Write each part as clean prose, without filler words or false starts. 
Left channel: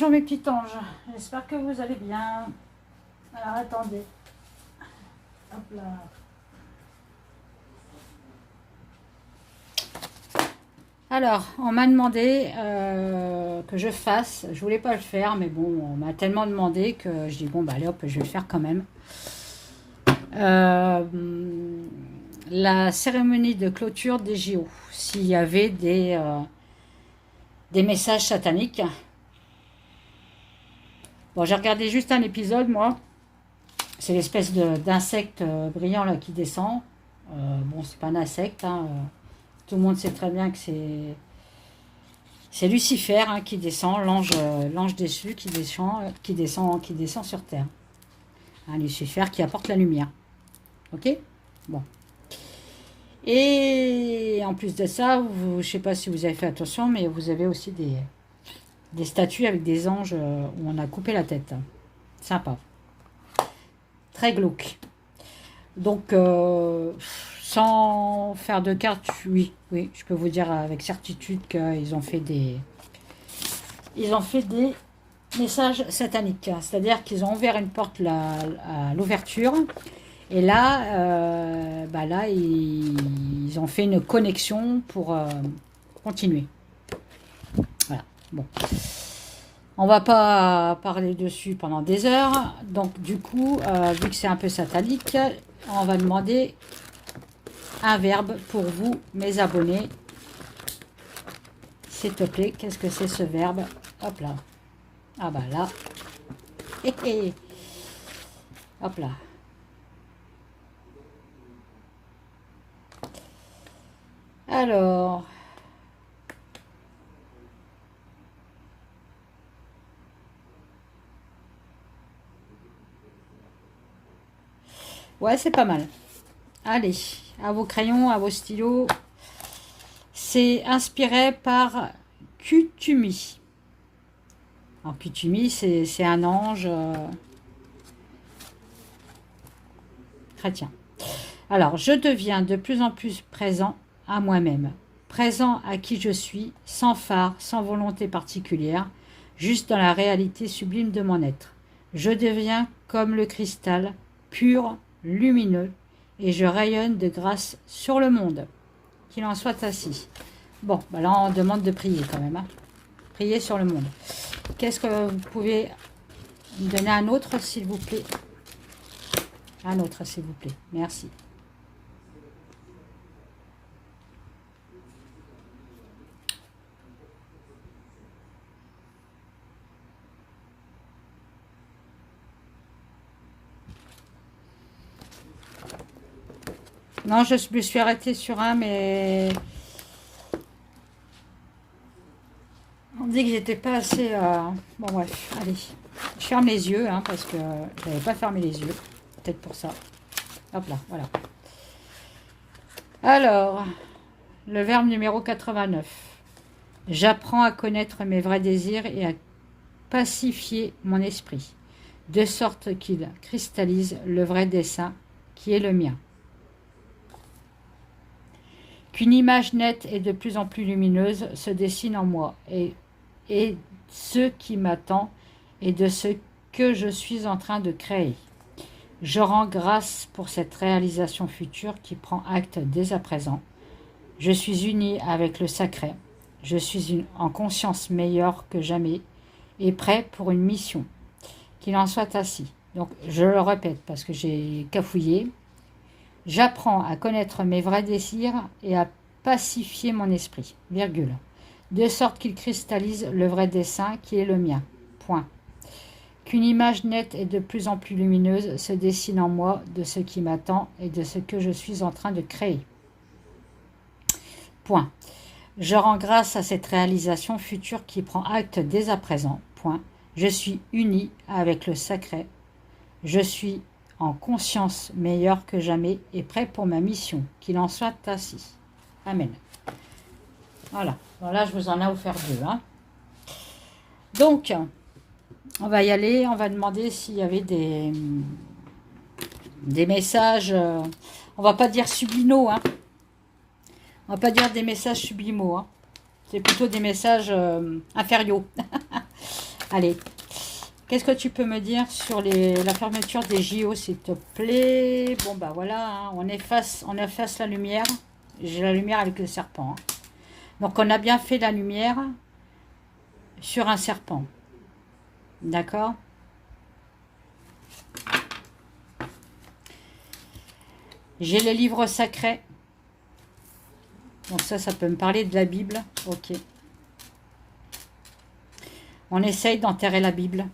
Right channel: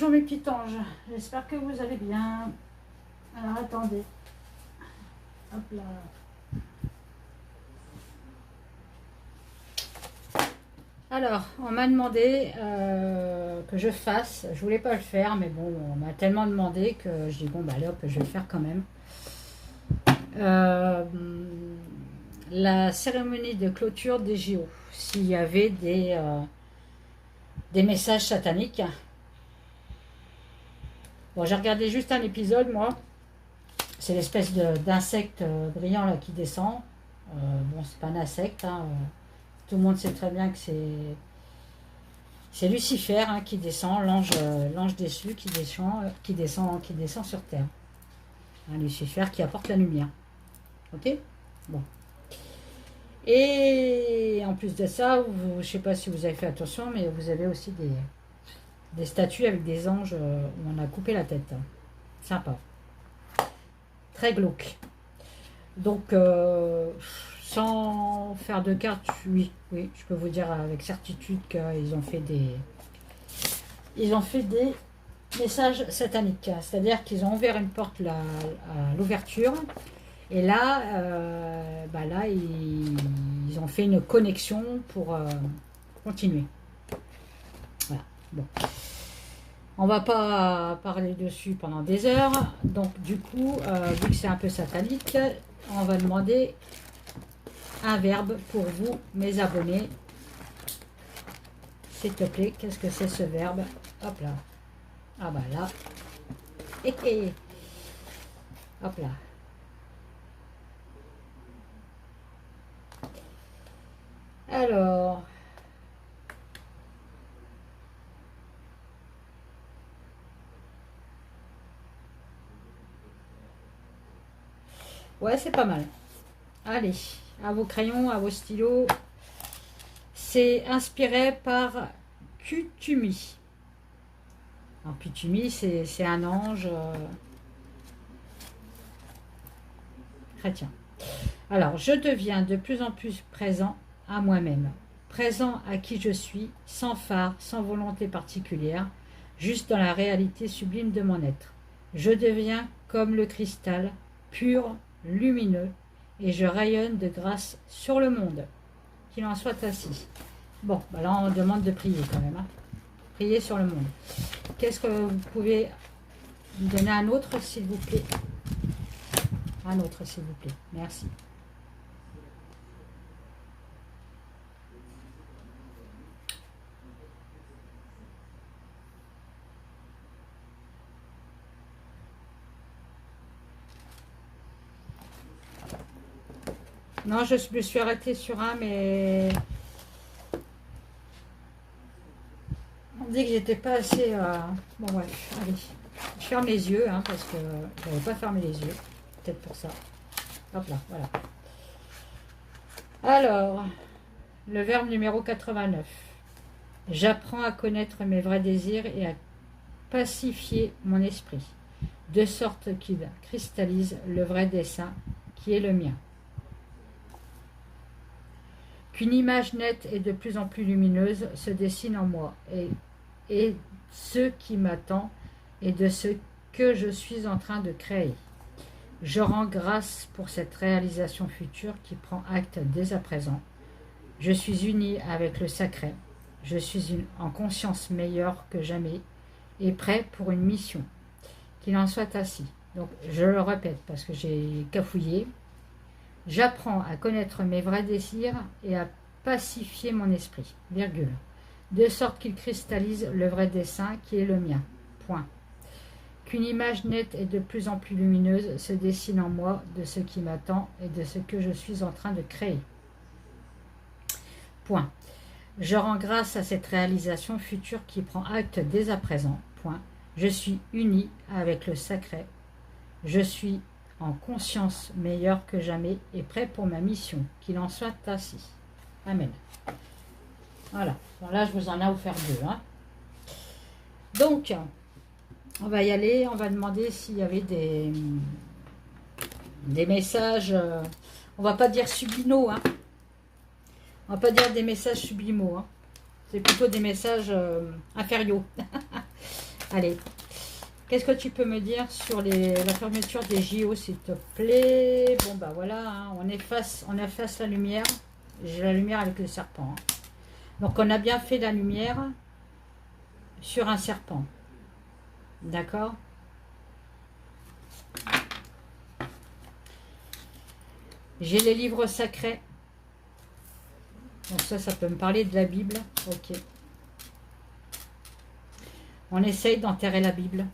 Bonjour mes petits anges, j'espère que vous allez bien. Alors attendez, hop là. Alors, on m'a demandé que je fasse, je voulais pas le faire, mais bon, on m'a tellement demandé que je dis bon bah allez hop, je vais le faire quand même. La cérémonie de clôture des JO, s'il y avait des messages sataniques. Bon, j'ai regardé juste un épisode, moi. C'est l'espèce d'insecte brillant là qui descend. Bon, c'est pas un insecte. Hein. Tout le monde sait très bien que c'est Lucifer hein, qui descend, l'ange déchu qui descend sur terre. Hein, Lucifer qui apporte la lumière. Ok. Bon. Et en plus de ça, je ne sais pas si vous avez fait attention, mais vous avez aussi des statues avec des anges où on a coupé la tête. Sympa. Très glauque. Donc, sans faire de cartes, oui, je peux vous dire avec certitude qu'ils ont fait des messages sataniques. C'est-à-dire qu'ils ont ouvert une porte à l'ouverture. Et là, ils ont fait une connexion pour continuer. Voilà, bon. On va pas parler dessus pendant des heures. Donc, du coup, vu que c'est un peu satanique, on va demander un verbe pour vous, mes abonnés. S'il te plaît, qu'est-ce que c'est ce verbe? Hop là. Ah bah là. Hop là. Alors, ouais, c'est pas mal. Allez, à vos crayons, à vos stylos. C'est inspiré par Kutumi. Alors, Kutumi, c'est un ange chrétien. Alors, je deviens de plus en plus présent à moi-même, présent à qui je suis, sans phare, sans volonté particulière, juste dans la réalité sublime de mon être. Je deviens comme le cristal, pur, lumineux, et je rayonne de grâce sur le monde. Qu'il en soit ainsi. Bon, bah là on demande de prier quand même. Hein. Prier sur le monde. Qu'est-ce que vous pouvez me donner un autre, s'il vous plaît? Un autre, s'il vous plaît. Merci. Non, je me suis arrêtée sur un, mais on dit que j'étais pas assez... Bon, bref, allez. Je ferme les yeux, hein, parce que je n'avais pas fermé les yeux. Peut-être pour ça. Hop là, voilà. Alors, le verbe numéro 89. J'apprends à connaître mes vrais désirs et à pacifier mon esprit, de sorte qu'il cristallise le vrai dessein qui est le mien. Qu'une image nette et de plus en plus lumineuse se dessine en moi, et ce qui m'attend et de ce que je suis en train de créer. Je rends grâce pour cette réalisation future qui prend acte dès à présent. Je suis uni avec le sacré. Je suis en conscience meilleure que jamais et prêt pour une mission. Qu'il en soit ainsi. Donc, je le répète parce que j'ai cafouillé. J'apprends à connaître mes vrais désirs et à pacifier mon esprit, virgule, de sorte qu'il cristallise le vrai dessein qui est le mien, point. Qu'une image nette et de plus en plus lumineuse se dessine en moi de ce qui m'attend et de ce que je suis en train de créer. Point. Je rends grâce à cette réalisation future qui prend acte dès à présent. Point. Je suis uni avec le sacré. Je suis en conscience meilleure que jamais et prêt pour ma mission. Qu'il en soit ainsi. Amen. Voilà. Voilà, je vous en ai offert deux. Hein. Donc, on va y aller. On va demander s'il y avait des messages. On va pas dire subliminaux. Hein. On va pas dire des messages sublimaux. Hein. C'est plutôt des messages inférieurs. Allez, qu'est-ce que tu peux me dire sur la fermeture des JO, s'il te plaît? Bon, bah voilà, hein, on efface la lumière. J'ai la lumière avec le serpent. Hein. Donc, on a bien fait la lumière sur un serpent. D'accord? J'ai les livres sacrés. Donc ça peut me parler de la Bible. Ok. On essaye d'enterrer la Bible.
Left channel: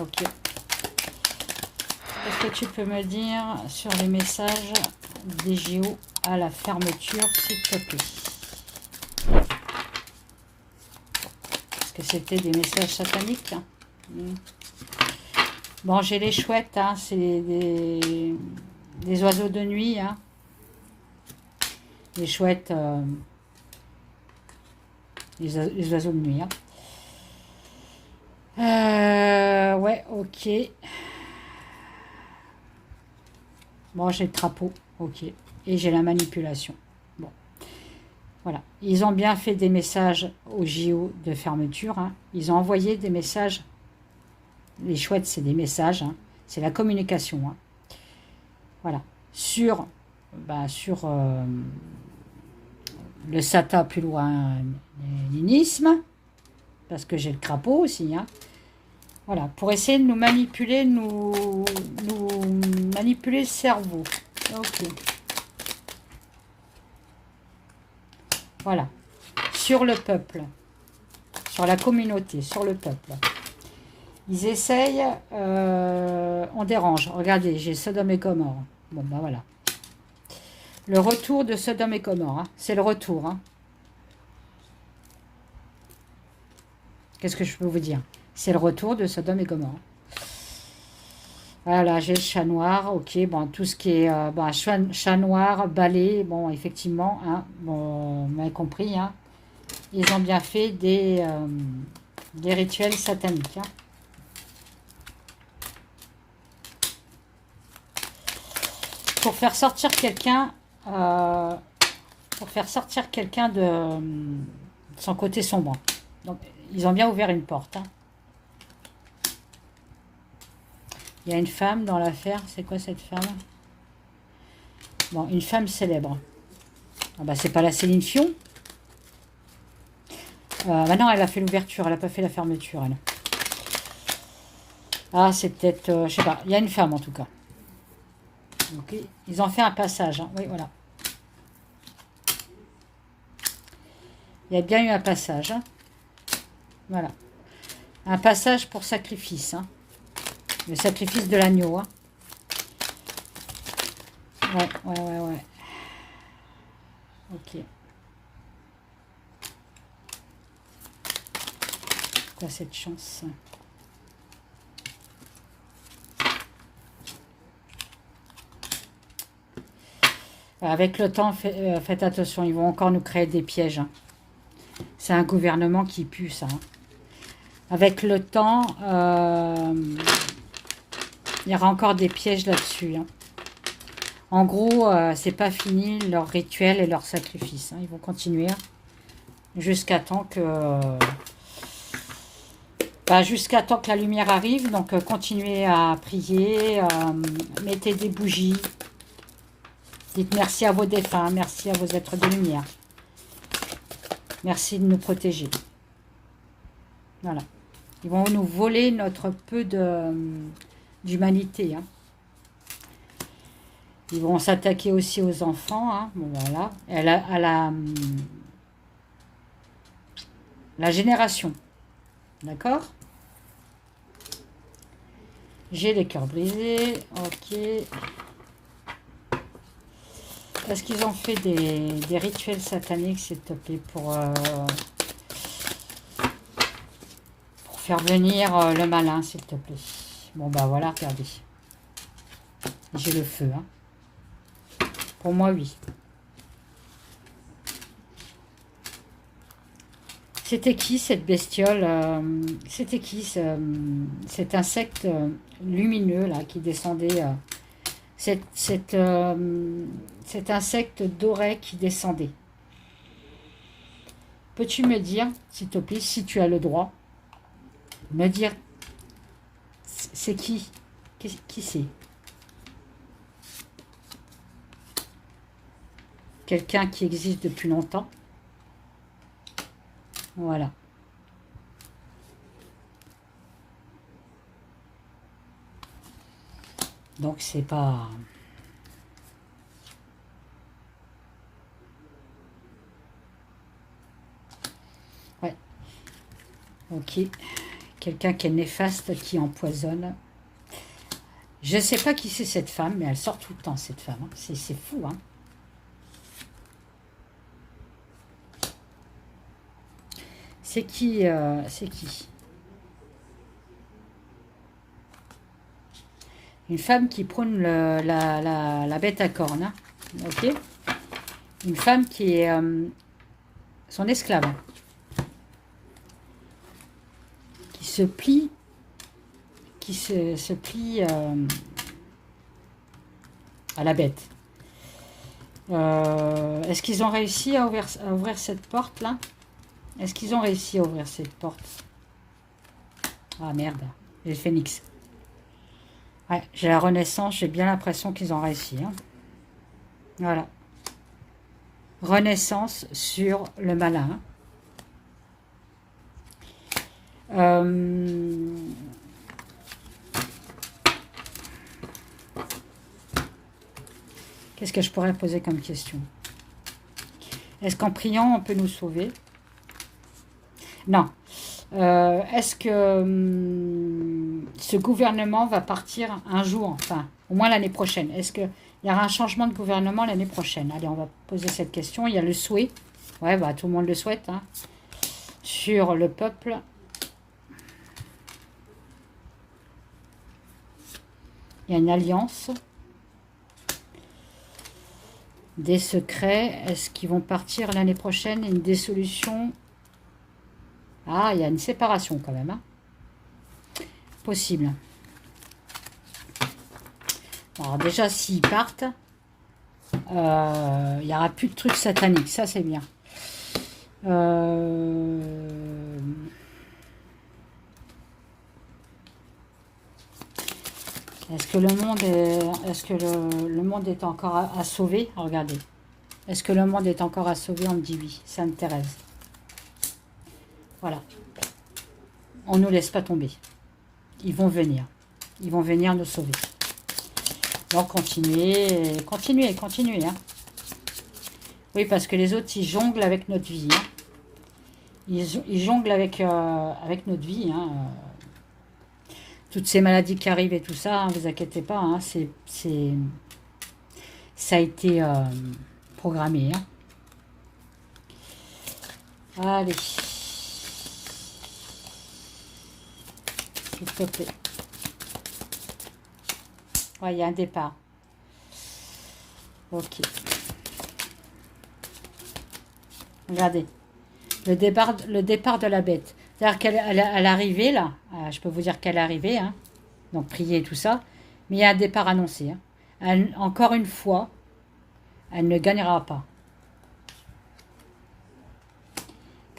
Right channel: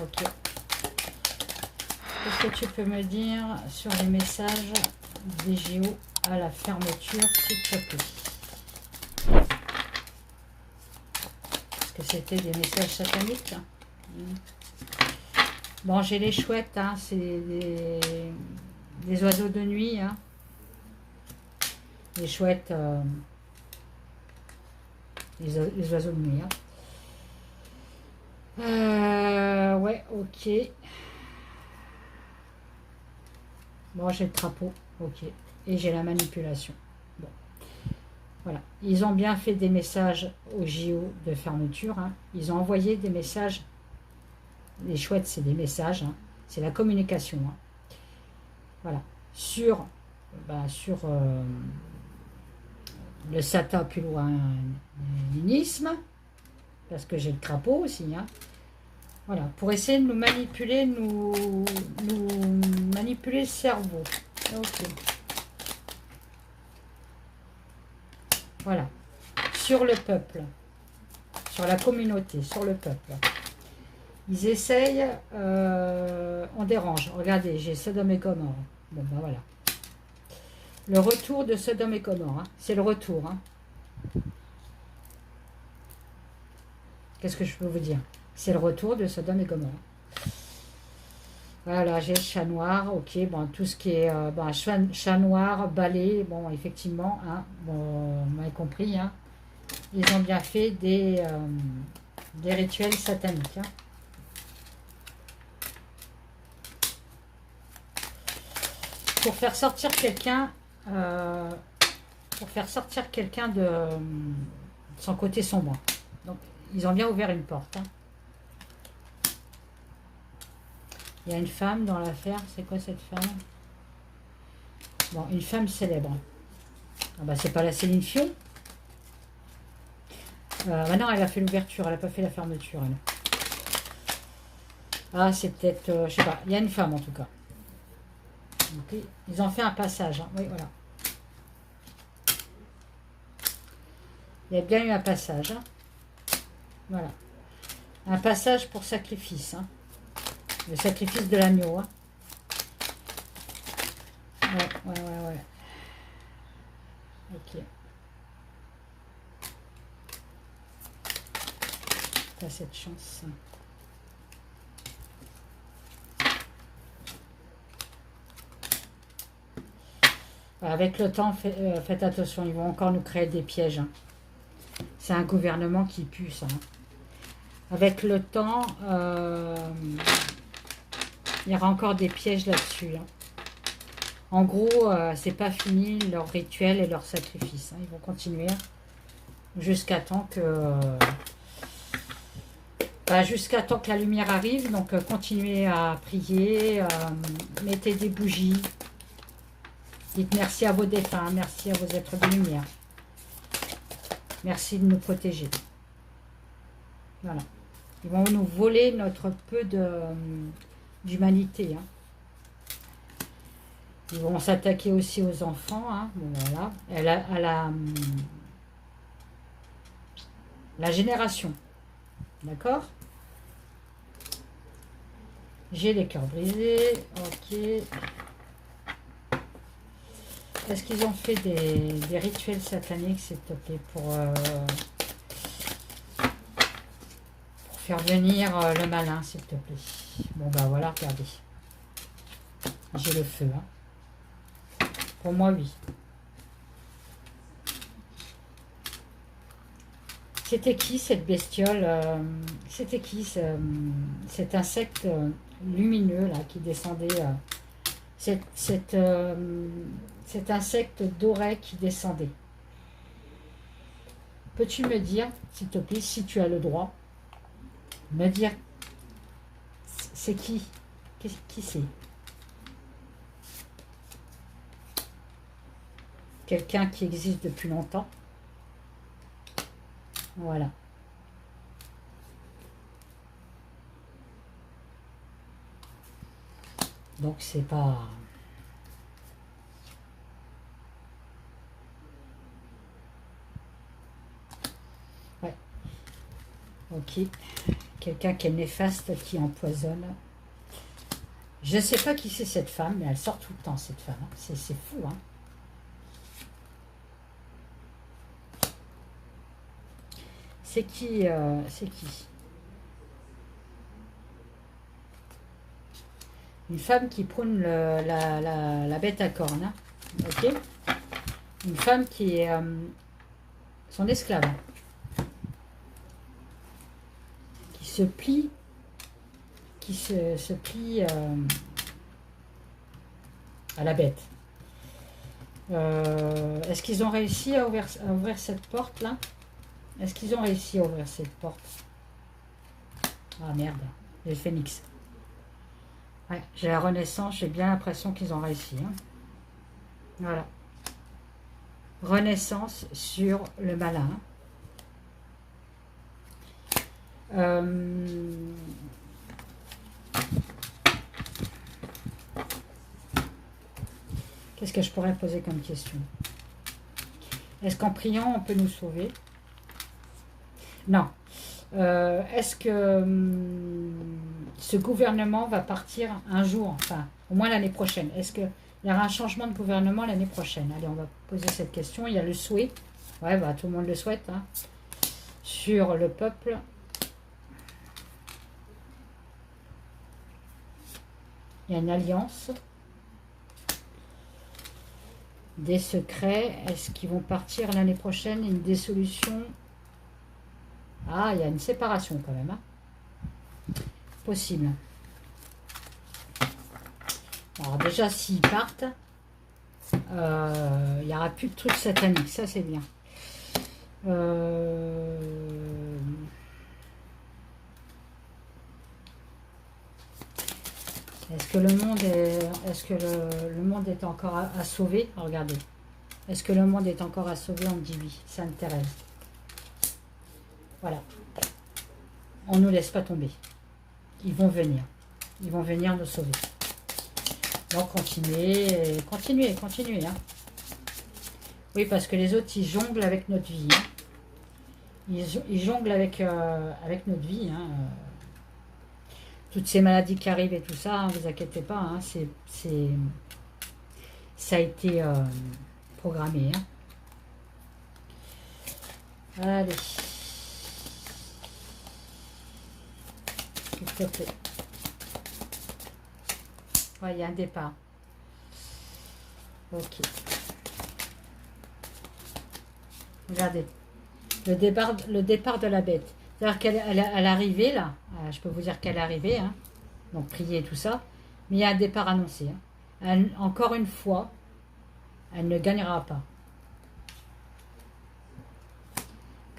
Ok. Qu'est-ce que tu peux me dire sur les messages des JO à la fermeture, s'il te plaît? Est-ce que c'était des messages sataniques? Bon, j'ai les chouettes, hein, c'est des oiseaux de nuit. Hein. Les chouettes, les oiseaux de nuit. Hein. Ouais, ok. Bon, j'ai le trapeau, ok. Et j'ai la manipulation. Bon, voilà. Ils ont bien fait des messages au JO de fermeture. Hein. Ils ont envoyé des messages. Les chouettes, c'est des messages. Hein. C'est la communication. Hein. Voilà. Sur le Sata plus loin, l'unisme. Parce que j'ai le crapaud aussi. Hein. Voilà, pour essayer de nous manipuler, nous manipuler le cerveau. Ok. Voilà. Sur le peuple. Sur la communauté, sur le peuple. Ils essayent, on dérange. Regardez, j'ai Sodome et Gomorrhe. Bon, ben voilà. Le retour de Sodome et Gomorrhe. Hein. C'est le retour. Hein. Qu'est-ce que je peux vous dire? C'est le retour de Sodome et Gomorrhe. Voilà, j'ai le chat noir. Ok, bon, tout ce qui est chat noir, balai, bon, effectivement, hein, bon, vous m'avez compris, hein, ils ont bien fait des rituels sataniques. Hein. Pour faire sortir quelqu'un, de son côté sombre. Donc, ils ont bien ouvert une porte. Hein. Il y a une femme dans l'affaire. C'est quoi cette femme? Bon, une femme célèbre. Ah bah, c'est pas la Céline Dion. Bah non, elle a fait l'ouverture. Elle n'a pas fait la fermeture. Elle. Ah, c'est peut-être... je sais pas. Il y a une femme, en tout cas. Okay. Ils ont fait un passage. Hein. Oui, voilà. Il y a bien eu un passage. Hein. Voilà. Un passage pour sacrifice. Hein. Le sacrifice de l'agneau. Hein. Ouais. Ok. Quoi cette chance? Avec le temps, faites attention, ils vont encore nous créer des pièges. Hein. C'est un gouvernement qui pue, ça. Hein. Avec le temps, il y aura encore des pièges là-dessus. Hein. En gros, c'est pas fini leur rituel et leur sacrifice. Hein. Ils vont continuer jusqu'à temps que... jusqu'à temps que la lumière arrive. Donc, continuez à prier, mettez des bougies. Dites merci à vos défunts, merci à vos êtres de lumière. Merci de nous protéger. Voilà. Ils vont nous voler notre peu d'humanité. Hein. Ils vont s'attaquer aussi aux enfants. Hein. Bon, voilà. À la génération. D'accord? J'ai les cœurs brisés. Ok. Est-ce qu'ils ont fait des rituels sataniques, s'il te plaît, pour faire venir le malin, s'il te plaît? Bon, bah voilà, regardez. J'ai le feu. Hein. Pour moi, oui. C'était qui, cette bestiole? C'était qui, cet insecte lumineux, là, qui descendait... cet insecte doré qui descendait. Peux-tu me dire, s'il te plaît, si tu as le droit, Me dire, c'est qui? Qui c'est? Quelqu'un qui existe depuis longtemps. Voilà. Donc c'est pas... Ouais. Ok. Quelqu'un qui est néfaste, qui empoisonne. Je ne sais pas qui c'est cette femme, mais elle sort tout le temps, cette femme. C'est fou, hein. C'est qui c'est qui? Une femme qui prône la bête à cornes. Hein. Ok. Une femme qui est son esclave. Qui se plie. Qui se plie à la bête. Est-ce qu'ils ont réussi à ouvrir cette porte-là? Est-ce qu'ils ont réussi à ouvrir cette porte? Ah merde, j'ai le phénix. Ouais, j'ai la renaissance, j'ai bien l'impression qu'ils ont réussi. Hein. Voilà. Renaissance sur le malin. Qu'est-ce que je pourrais poser comme question? Est-ce qu'en priant, on peut nous sauver? Non. Est-ce que ce gouvernement va partir un jour, enfin, au moins l'année prochaine? Est-ce qu'il y aura un changement de gouvernement l'année prochaine? Allez, on va poser cette question. Il y a le souhait. Ouais, bah, tout le monde le souhaite. Hein. Sur le peuple. Il y a une alliance. Des secrets. Est-ce qu'ils vont partir l'année prochaine? Une dissolution. Ah, il y a une séparation quand même. Hein. Possible. Alors déjà, s'ils partent, il n'y aura plus de trucs sataniques. Ça, c'est bien. Est-ce que le monde est, le monde est encore à sauver? Regardez. Est-ce que le monde est encore à sauver? On me dit oui. Sainte Thérèse. Voilà. On ne nous laisse pas tomber. Ils vont venir. Ils vont venir nous sauver. Donc, continuez, continuez, continuez. Hein. Oui, parce que les autres, ils jonglent avec notre vie. Hein. Ils jonglent avec notre vie. Hein. Toutes ces maladies qui arrivent et tout ça, ne vous inquiétez pas. Hein. Ça a été programmé. Hein. Allez. S'il te plaît. Ouais, il y a un départ. Ok. Regardez. Le départ de la bête. C'est-à-dire qu'elle est arrivée, là. Je peux vous dire qu'elle est arrivée. Hein. Donc, prier et tout ça. Mais il y a un départ annoncé. Hein. Encore une fois, elle ne gagnera pas.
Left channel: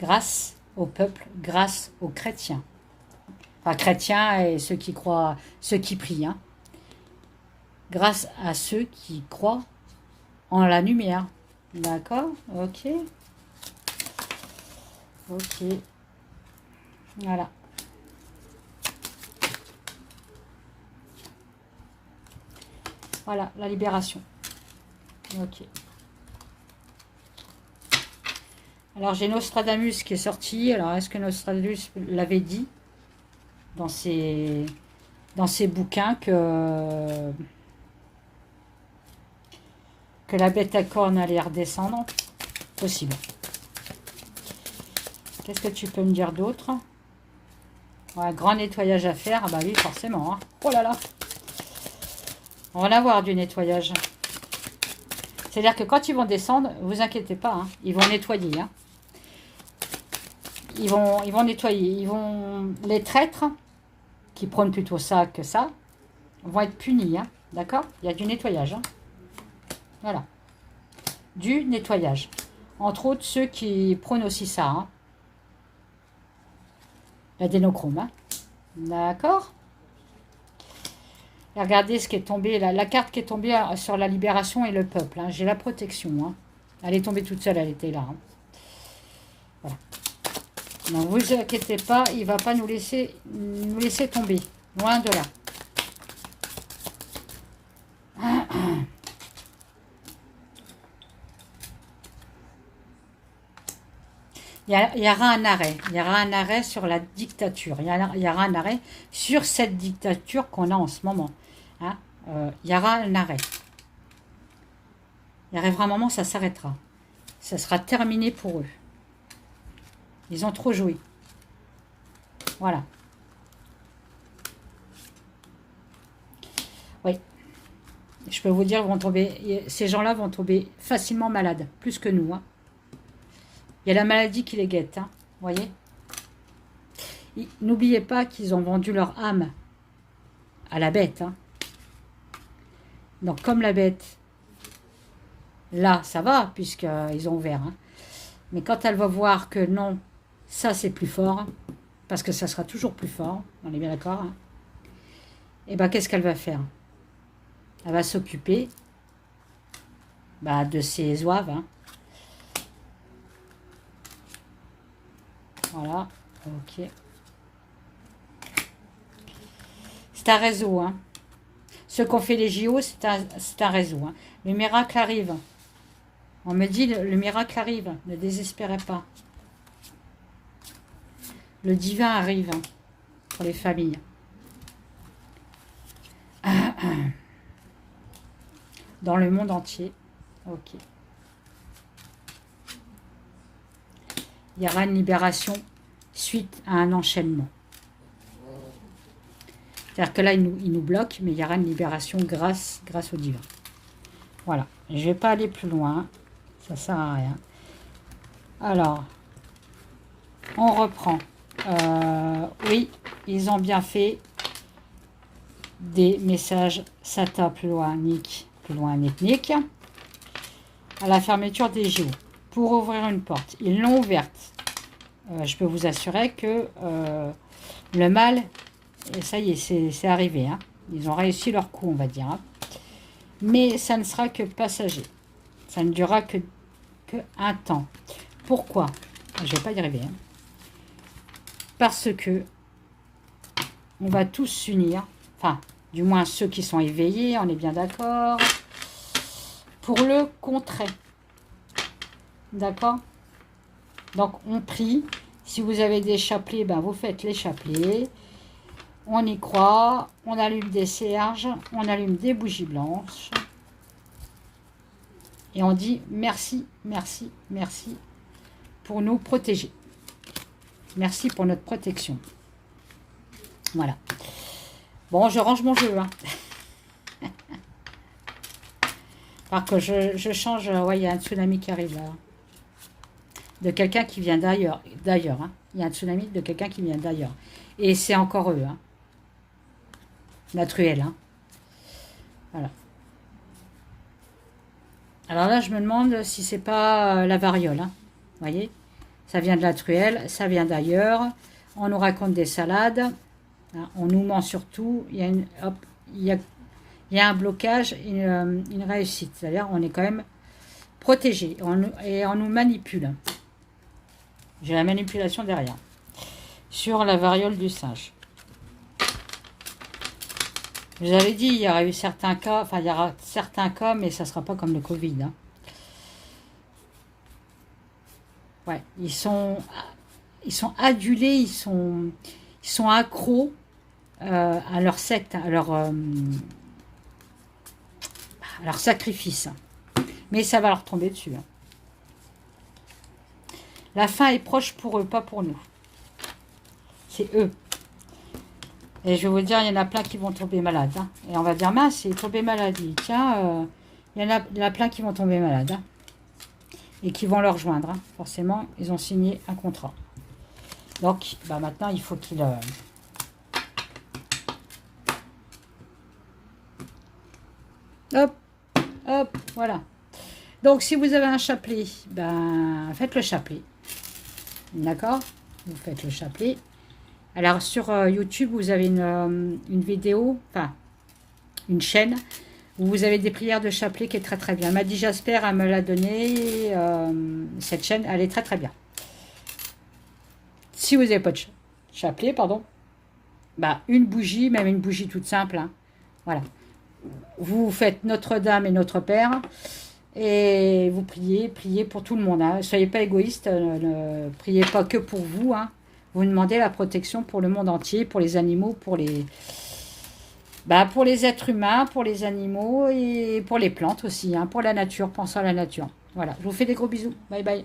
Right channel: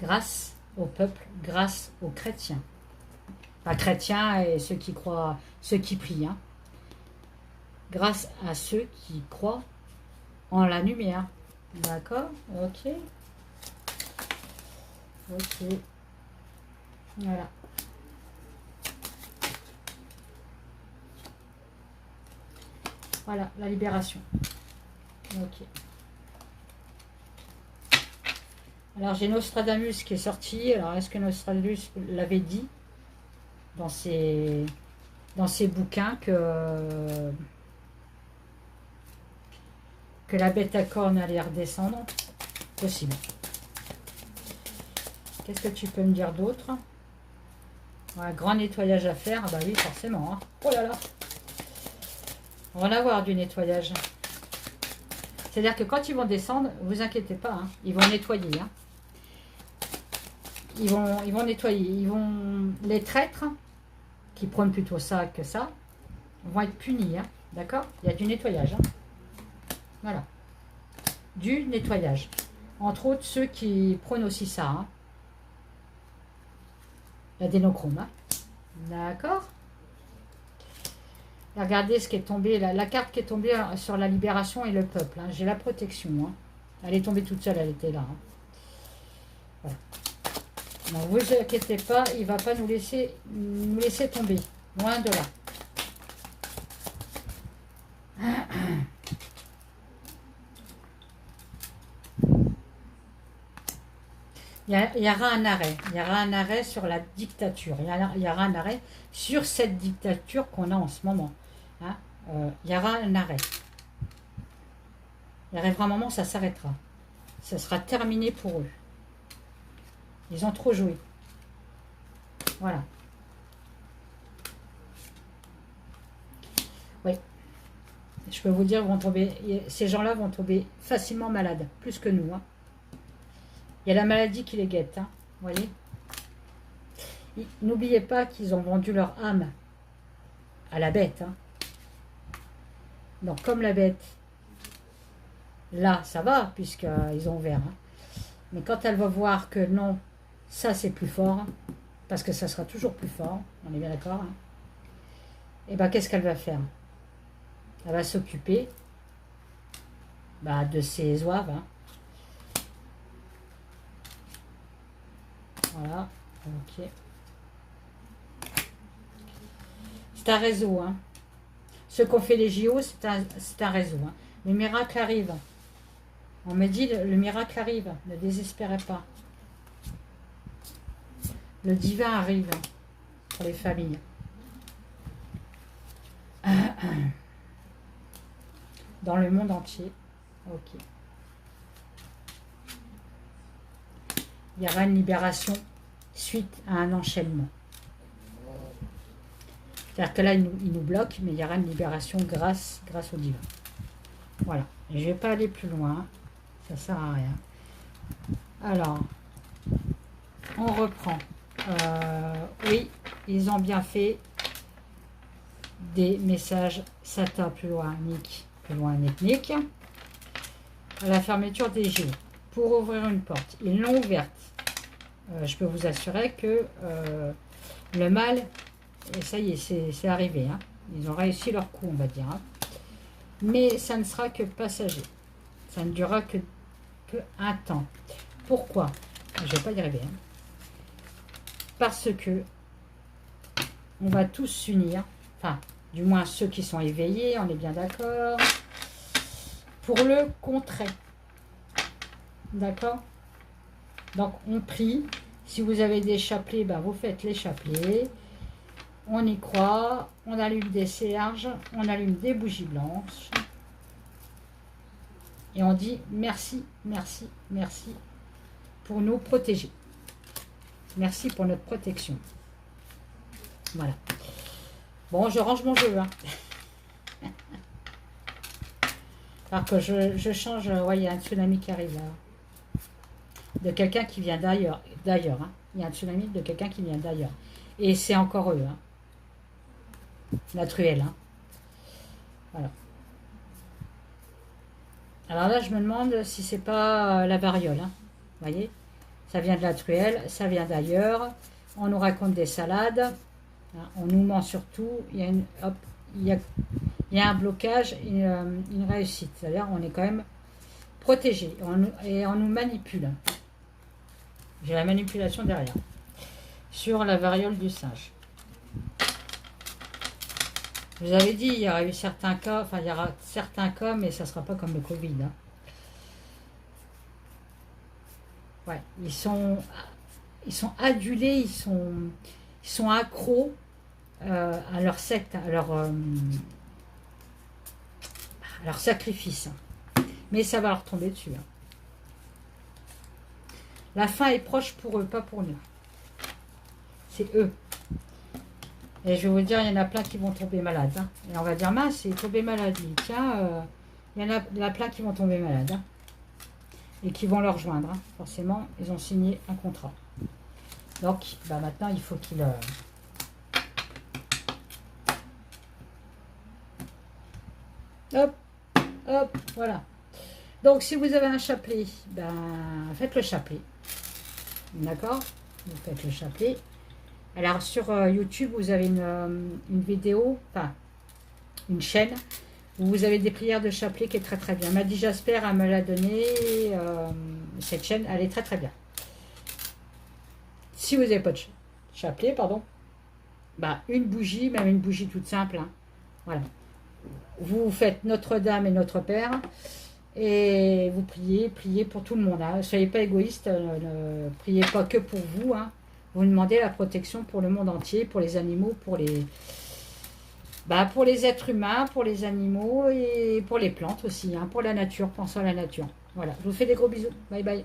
Grâce au peuple, grâce aux chrétiens. Enfin, chrétiens et ceux qui croient, ceux qui prient. Hein. Grâce à ceux qui croient en la lumière. D'accord? Ok. Ok. Voilà. Voilà, la libération. Ok. Alors, j'ai Nostradamus qui est sorti. Alors, est-ce que Nostradamus l'avait dit dans ses bouquins que la bête à cornes allait redescendre? Possible. Qu'est-ce que tu peux me dire d'autre? Un grand nettoyage à faire. Ah bah oui, forcément. Hein. Oh là là. On va en avoir du nettoyage. C'est-à-dire que quand ils vont descendre, vous inquiétez pas. Hein, ils vont nettoyer. Hein. Ils vont nettoyer. Les traîtres, qui prônent plutôt ça que ça, vont être punis. Hein, d'accord? Il y a du nettoyage. Hein. Voilà. Du nettoyage. Entre autres, ceux qui prônent aussi ça. Hein. L'adénochrome. Hein. D'accord. Et regardez ce qui est tombé, la carte qui est tombée sur la libération et le peuple. Hein. J'ai la protection. Hein. Elle est tombée toute seule, elle était là. Hein. Voilà. Donc vous inquiétez pas, il ne va pas nous laisser tomber. Loin de là. Il y aura un arrêt. Il y aura un arrêt sur la dictature. Il y aura un arrêt sur cette dictature qu'on a en ce moment. Hein, il y aura un arrêt. Il arrivera un moment, ça s'arrêtera. Ça sera terminé pour eux. Ils ont trop joué. Voilà. Oui. Je peux vous dire, vont tomber, ces gens-là vont tomber facilement malades. Plus que nous. Hein. Il y a la maladie qui les guette. Hein, voyez. N'oubliez pas qu'ils ont vendu leur âme à la bête. Hein. Donc, comme la bête, là, ça va, puisqu'ils ont ouvert. Hein. Mais quand elle va voir que non, ça, c'est plus fort, parce que ça sera toujours plus fort, on est bien d'accord, hein, et bien, qu'est-ce qu'elle va faire? Elle va s'occuper de ses zouaves. Hein. Voilà, ok. C'est un réseau, hein. Ceux qui ont fait les JO, c'est un réseau. Hein. Le miracle arrive. On me dit, le miracle arrive. Ne désespérez pas. Le divin arrive hein, pour les familles. Dans le monde entier. Ok. Il y aura une libération suite à un enchaînement. C'est-à-dire que là, il nous bloque, mais il y aura une libération grâce au divin. Voilà. Je ne vais pas aller plus loin. Ça ne sert à rien. Alors, on reprend. Oui, ils ont bien fait des messages SATA plus loin, Nick, Nick. À la fermeture des JO. Pour ouvrir une porte. Ils l'ont ouverte. Je peux vous assurer que le mal... Et ça y est, c'est arrivé. Hein. Ils ont réussi leur coup, on va dire. Hein. Mais ça ne sera que passager. Ça ne durera que un temps. Pourquoi? Je ne vais pas y arriver. Hein. Parce que on va tous s'unir. Enfin, du moins ceux qui sont éveillés, on est bien d'accord. Pour le contrer. D'accord? Donc, on prie. Si vous avez des chapelets, vous faites les chapelets. On y croit, on allume des cierges, on allume des bougies blanches. Et on dit merci, merci, merci pour nous protéger. Merci pour notre protection. Voilà. Bon, je range mon jeu. Hein. Alors que je change, ouais, il y a un tsunami qui arrive. De quelqu'un qui vient d'ailleurs. Hein. Il y a un tsunami de quelqu'un qui vient d'ailleurs. Et c'est encore eux. Hein. La truelle. Hein. Voilà. Alors là, je me demande si c'est pas la variole. Hein. Vous voyez? Ça vient de la truelle, ça vient d'ailleurs. On nous raconte des salades. Hein. On nous ment surtout. Il y a, il y a un blocage, une réussite. C'est-à-dire on est quand même protégé. Et on nous manipule. J'ai la manipulation derrière. Sur la variole du singe. Je vous avais dit, il y aura eu certains cas, enfin il y aura certains cas, mais ça ne sera pas comme le Covid. Hein. Ouais, ils sont adulés, ils sont accros à leur secte, à leur sacrifice. Mais ça va leur tomber dessus. Hein. La fin est proche pour eux, pas pour nous. C'est eux. Et je vais vous dire, il y en a plein qui vont tomber malades. Hein. Et on va dire, mince, il est tombé malade. Tiens, il y en a plein qui vont tomber malades. Hein. Et qui vont le rejoindre. Hein. Forcément, ils ont signé un contrat. Donc, maintenant, il faut qu'ils... Hop, hop, voilà. Donc, si vous avez un chapelet, faites le chapelet. D'accord? Vous faites le chapelet. Alors sur YouTube, vous avez une vidéo, enfin une chaîne, où vous avez des prières de chapelet qui est très très bien. Maddy Jasper, elle me l'a donné, cette chaîne, elle est très très bien. Si vous n'avez pas de chapelet, pardon, bah, une bougie, même une bougie toute simple, hein, voilà. Vous faites Notre-Dame et Notre Père, et vous priez, priez pour tout le monde. Hein. Soyez pas égoïste, ne priez pas que pour vous. Hein. Vous demandez la protection pour le monde entier, pour les animaux, pour les êtres humains, pour les animaux et pour les plantes aussi, hein, pour la nature, pensons à la nature. Voilà, je vous fais des gros bisous. Bye bye.